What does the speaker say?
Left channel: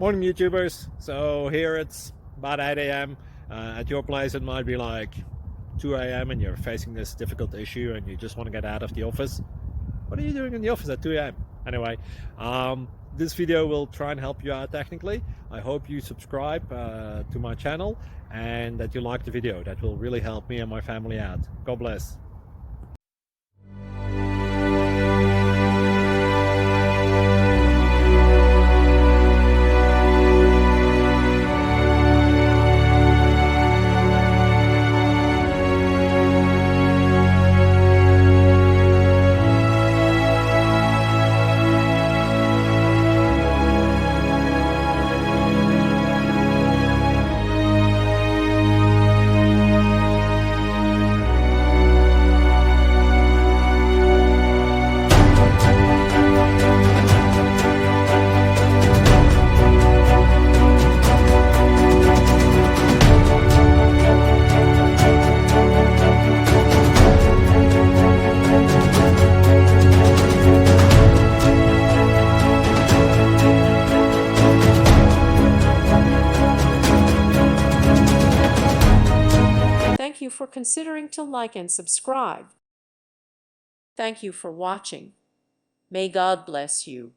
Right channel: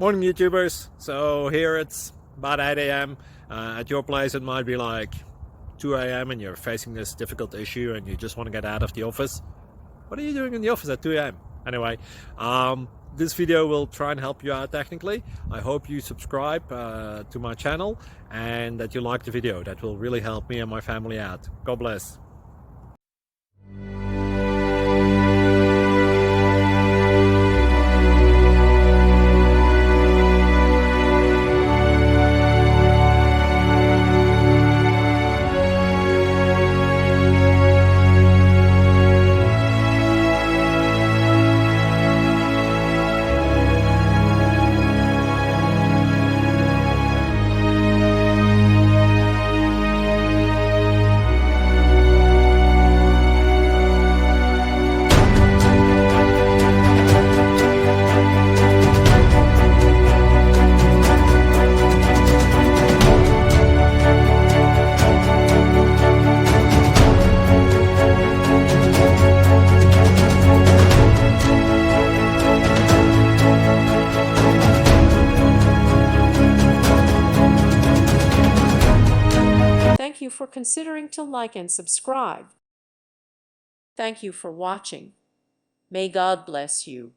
Morning, YouTubers. So here it's about 8 a.m. At your place, it might be like 2 a.m. and you're facing this difficult issue and you just want to get out of the office. What are you doing in the office at 2 a.m.? Anyway, this video will try and help you out technically. I hope you subscribe to my channel and that you like the video. That will really help me and my family out. God bless. Thank you for considering to like and subscribe. Thank you for watching. May God bless you.